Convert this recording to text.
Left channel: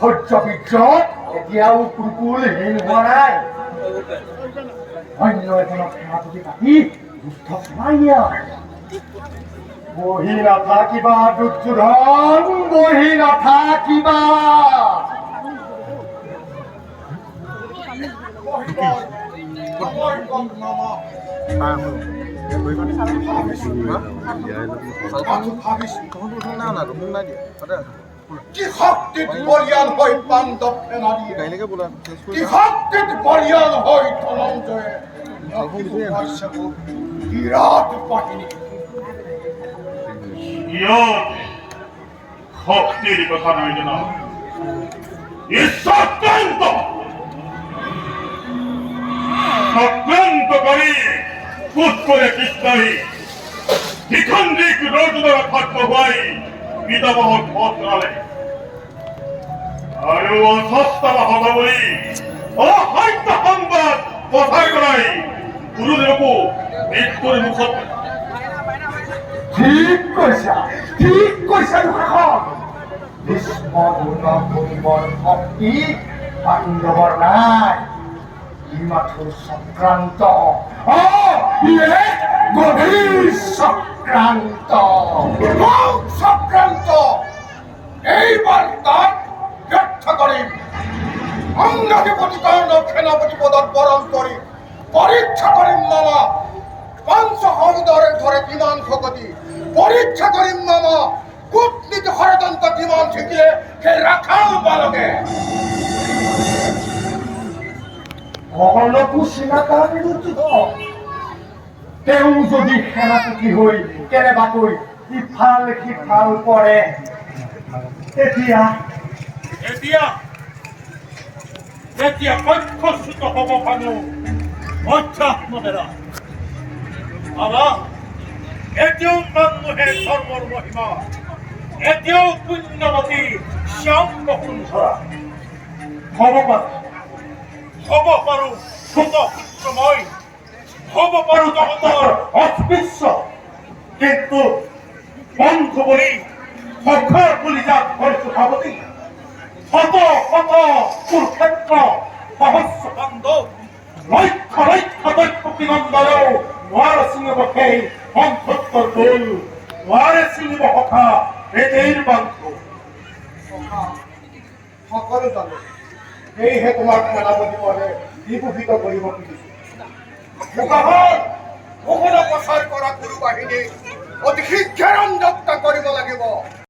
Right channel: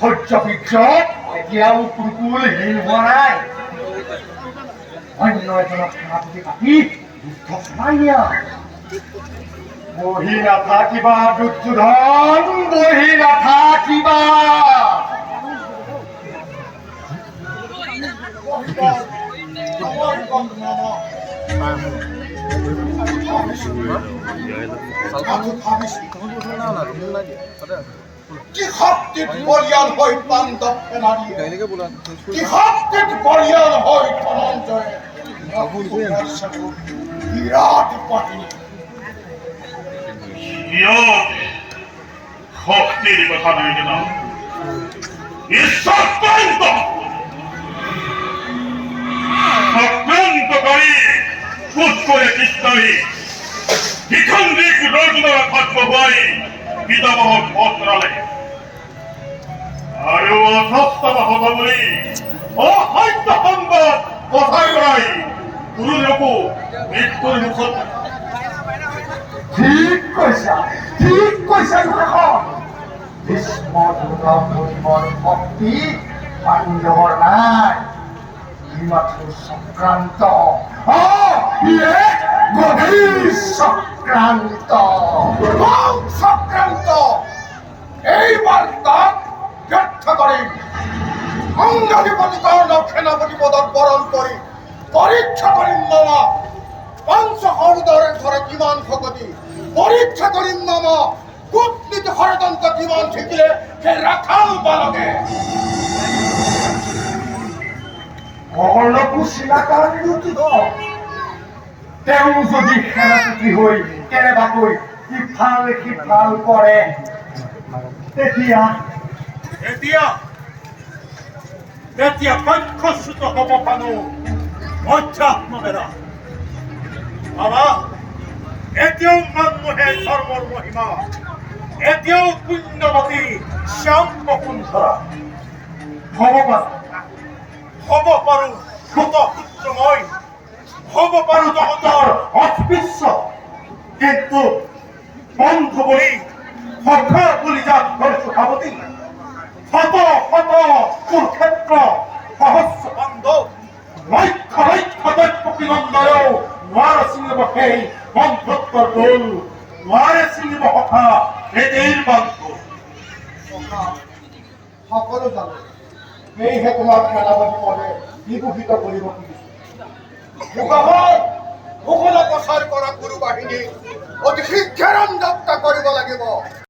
সহ্য বিগ্ৰহ এতিয়াও কুকুলহীন হোৱা নাই। অন্য এজনক সেনাপতি পাতি যুদ্ধ চলাই নিয়া। বহি নাথাকিবা দুৰ্যোধন, বহি নাথাকিবা। কি শক্তিত বলিয়ান হৈ পাণ্ডৱ সেনানী, কি শক্তিত বলিয়ান হৈ ধনঞ্জয় বিৰাট বাহিনী। শক্তির কথা নাই জানা আক্রান্তকারী পুত করে কৃষ্ণই দ্বিখণ্ডিক রোজনা থাকবো ভাই পিতামহ পত্রালে আরো অসপ্তাহ হব বলি অসত্য সংবাদ কথাই করাই গুরুদেবকো মৃত্যুর মুখত। ঠিক কৈছা এখন ভীষ্ম কৰিবৰ শক্তি পাণ্ডৱৰ নাই। ই মাথো চক্ৰান্ত, গভীৰ চক্ৰান্ত, চক্ৰান্ত। এই বাৰ্তাক ব্যৰ্থ কৰিম। অংগাধিপতি কৰ্ণক সেনাপতি পদত বৰণ কৰি পৰীক্ষা কৰিম মামা পঞ্চসৌদৰে ধৰে কিমান শকতি। পৰীক্ষা কৰিম মামা কূটনীতি ষড়যন্ত্ৰ কিমান শিকিলে সেই ৰাখাল বালকে। কৰ্ণকো চিনাকাৰী ৰুচিত। তেওঁ যদি সেনাপতি হৈ কেনেবাকৈ ইফাল সিফাল কৰে তেতিয়া কক্ষচ্যুত হব পানো মধ্যাহ্নবেলা। বাবা এতিয়াও মানুহে ধৰ্মৰ মহিমা, এতিয়াও পুণ্যৱতী শ্যাম বসুন্ধৰা। হ'ব পাৰো শত পুত্ৰময়, হ'ব পাৰো জগতৰ অস্পৃশ্য, কিন্তু বন্ধু বুলি সখা বুলি যাক ধৰিছো সাৱতী। শত শত কুৰুক্ষেত্ৰ সহস্ৰ পাণ্ডৱ, লক্ষ লক্ষ দৈত্য বিনন্দনেও নোৱাৰে ছিঙিব সেই বন্ধুত্বৰ দোল, নোৱাৰে ছিঙিব সখা হৃদয়ৰ বান্ধ। সকলো জানো, সেয়েহে তোমাক সেনাপতি পদে বিভূষিত কৰিব খুজিছো। মুখত প্ৰচাৰ কৰা গুৰু বাহিনী অতি শীঘ্ৰে যাত্ৰা কৰিব লাগিব।